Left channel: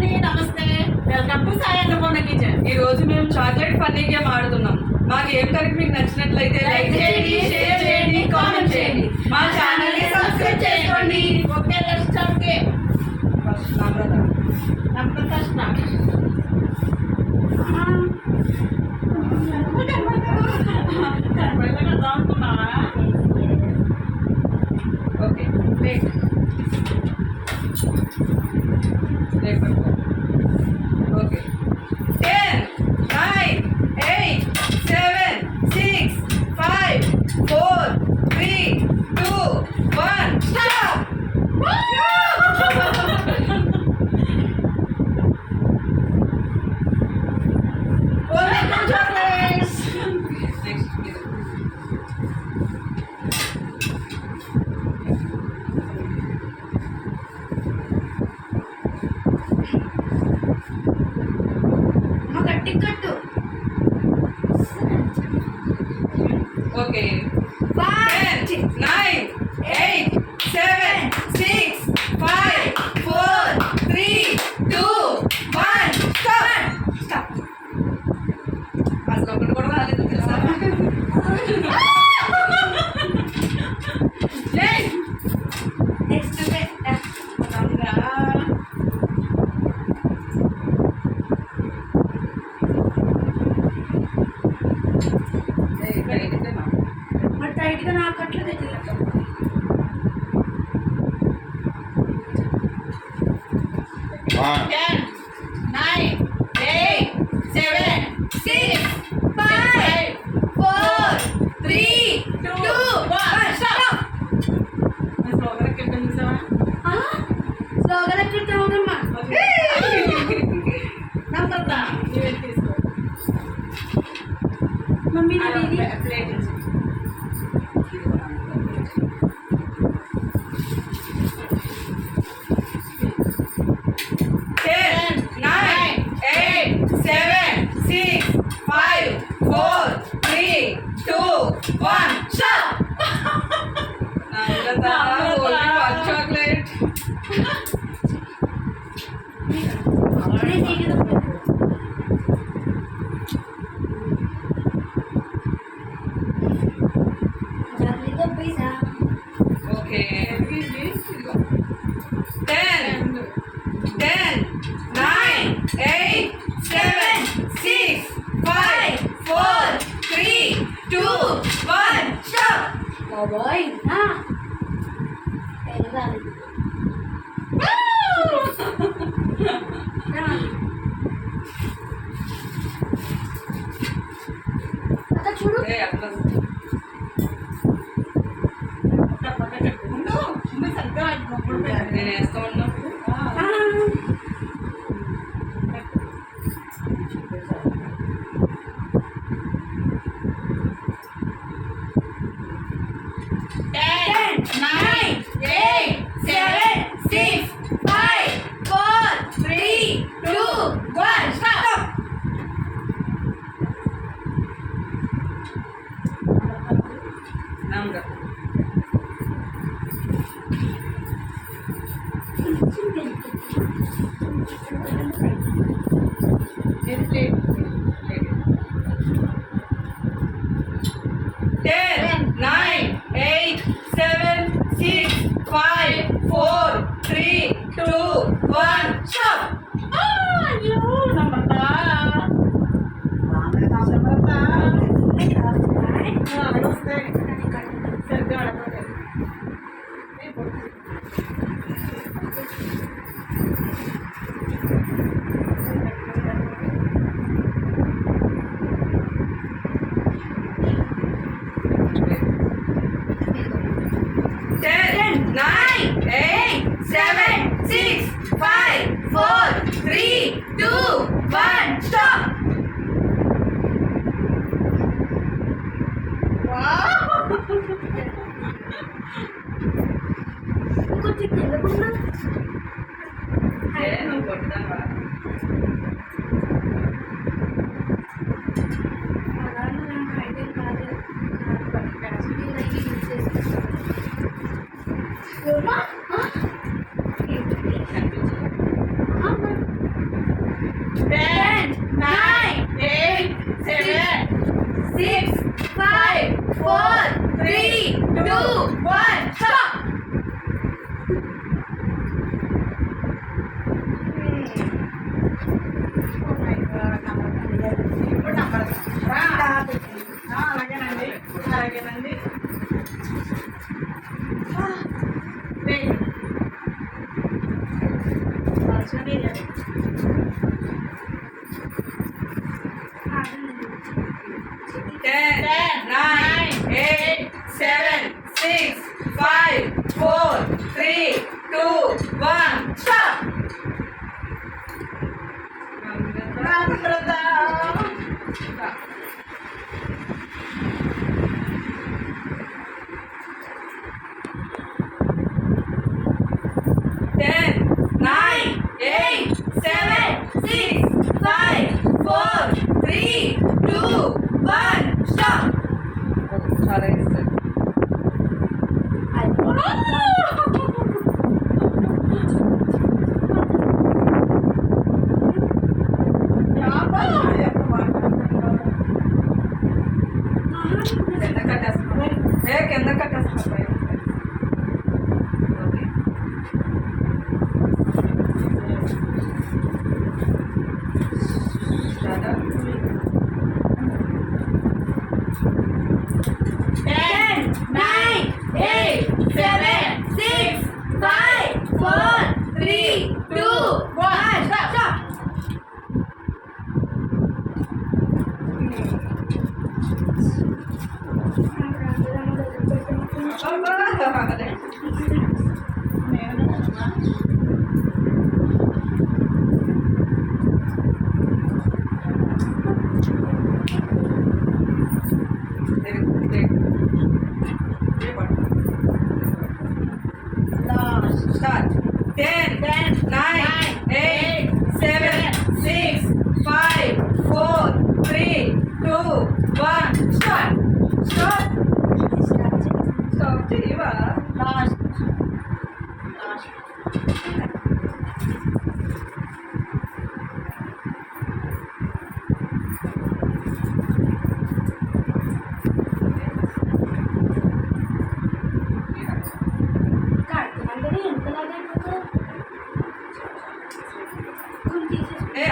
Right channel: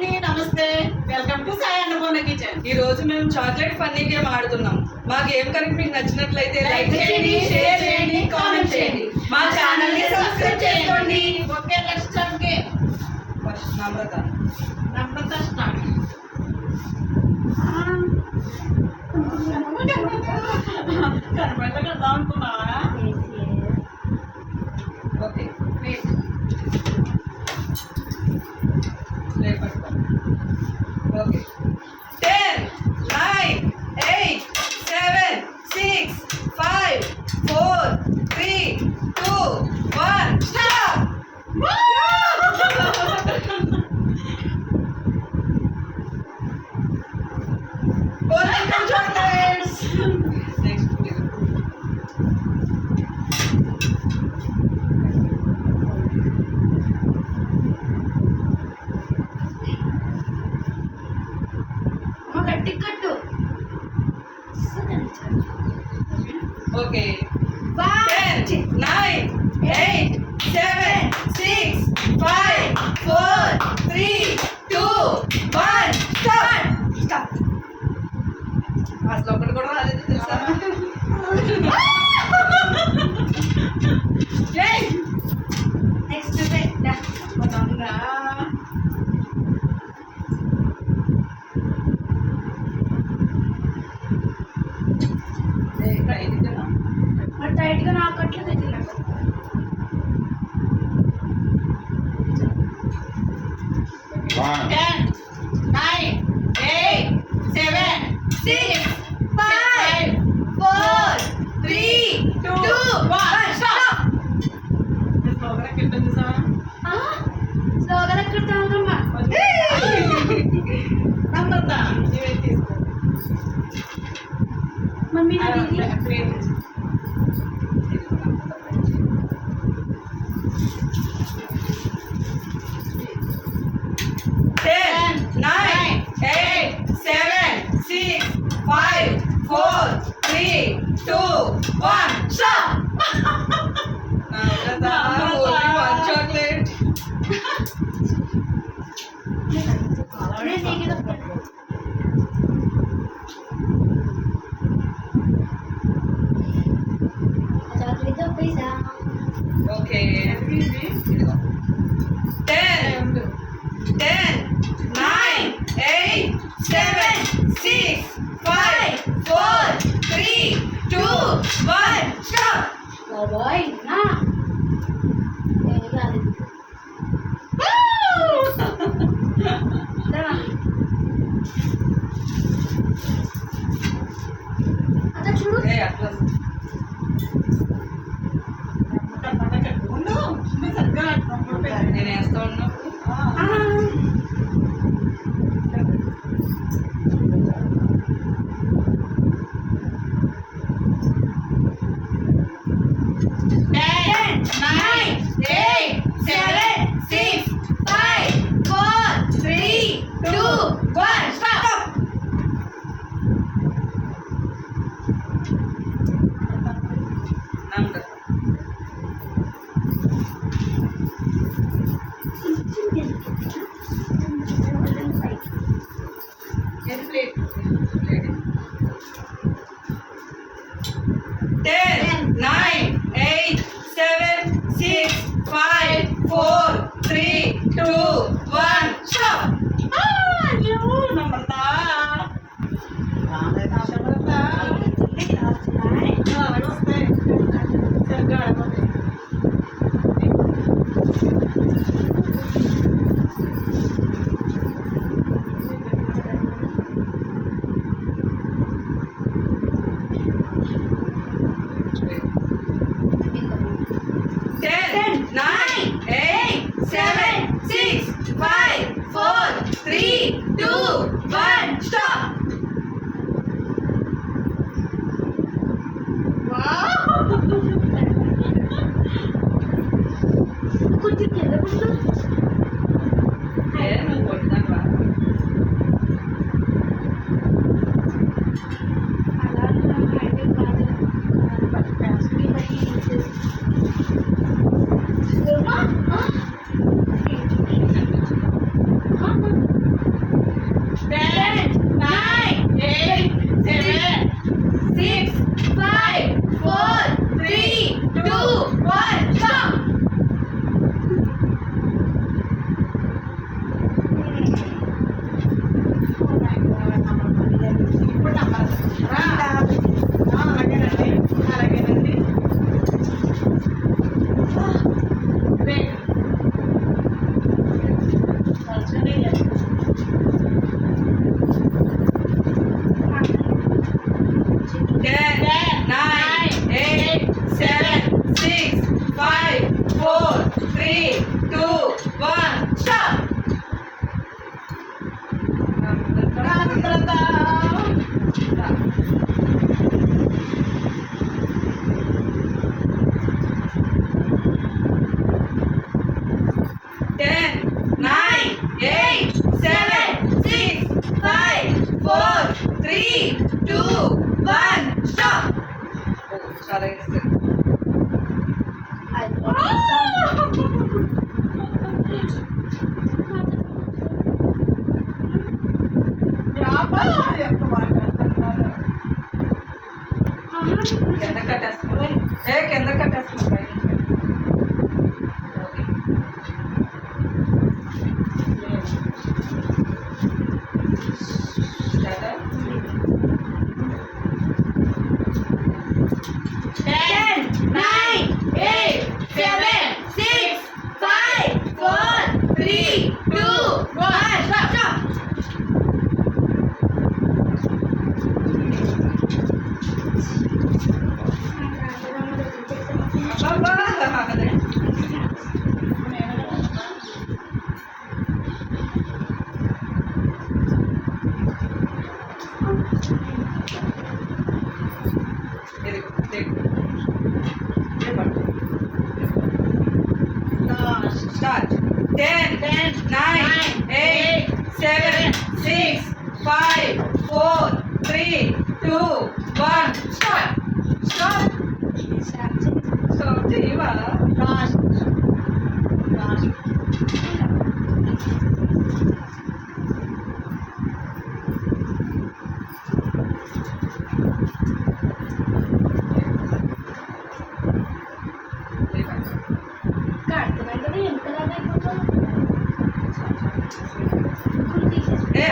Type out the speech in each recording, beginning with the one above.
అండి, నమస్తే. Welcome to Sai Annapurna కిచెన్. ఈ రోజు మేము చాక్లెట్ ఫన్నీ గేమ్ ఆడుతున్నాం. మా గేమ్ కనుక మీకు నచ్చినట్లయితే లైక్ చేయండి, షేర్ చేయండి, కామెంట్ చేయండి. మా ఛానల్ ని సబ్స్క్రైబ్ చేసుకోండి. Okay, let's start game. First నమ్రత. నమ్రత స్టార్ట్. కనపడలేదు అనుకున్నావా? ఓకే, ప్లేట్ పట్టుకో. ఓకే, 10 9 8 7 6 5 4 3 2 1 stop. Only 2 chocolates. Next. Ticket. Okay, 10 9 8 7 6 5 4 3 2 1 stop. Stop. అసలు ఒకటి కూడా రాలేదు తెలుసా? నెక్స్ట్ మరి టైట్ గా నాకు అట్లా తెచ్చిలేదు. 10 9 8 7 6 5 4 3 2 1 స్టాప్. స్లోగన్ ఎక్కడమ్మా? నమ్రత తీసుకో. మమ్మీ ప్లేట్ 10 9 8 7 6 5 4 3 2 1 స్టాప్. నమ్రత, only 1 chocolate. Okay, 10 9 8 7 6 5 4 3 2 1 stop. బాయ్ చూడు. అట్లా నేను వేస్తా ఉన్నప్పుడు నమ్రత. ప్లేట్ 10 9 8 7 6 5 4 3 2 1 స్టాప్. నమ్రత వస్తాయి సరిగ్గా ఆడకపోతే. Ten, 9 8 7 6 5 4 3 2 1 స్టాప్. కొంచెం కింద పడుతుంది. నువ్వు కొట్టుదాను అలా అయితే కాదు. Ten, nine, eight, seven, six, five, four, three, two, one, stop. Ten, nine, eight, seven, six, five, four, three, two, one, stop. చాలా ఇష్టం. కింద కట్టేస్తున్నాం. కింద కట్టేస్తున్నాం పైన. ఓకే. స్టార్ట్. 10, 9, 8, 7, 6, 5, 4, 3, 2, 1, stop. అదే. Very good. Take. Start. 10, 9, 8, 7, 6, 5, 4, 3, 2, 1. Stop. Stop. Stop. చేయవా?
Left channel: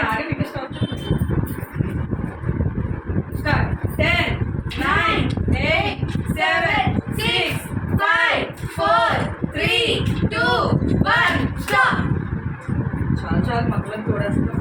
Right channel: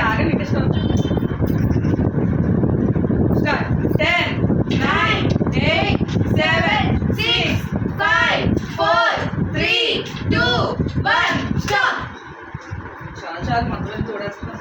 ఆగండి ఇంకా స్టాప్. స్టార్ట్. 10, 9, 8, 7, 6, 5, 4, 3, 2, 1. స్టాప్. చాలు చాలు మధ్యలో తోడేస్తున్నా.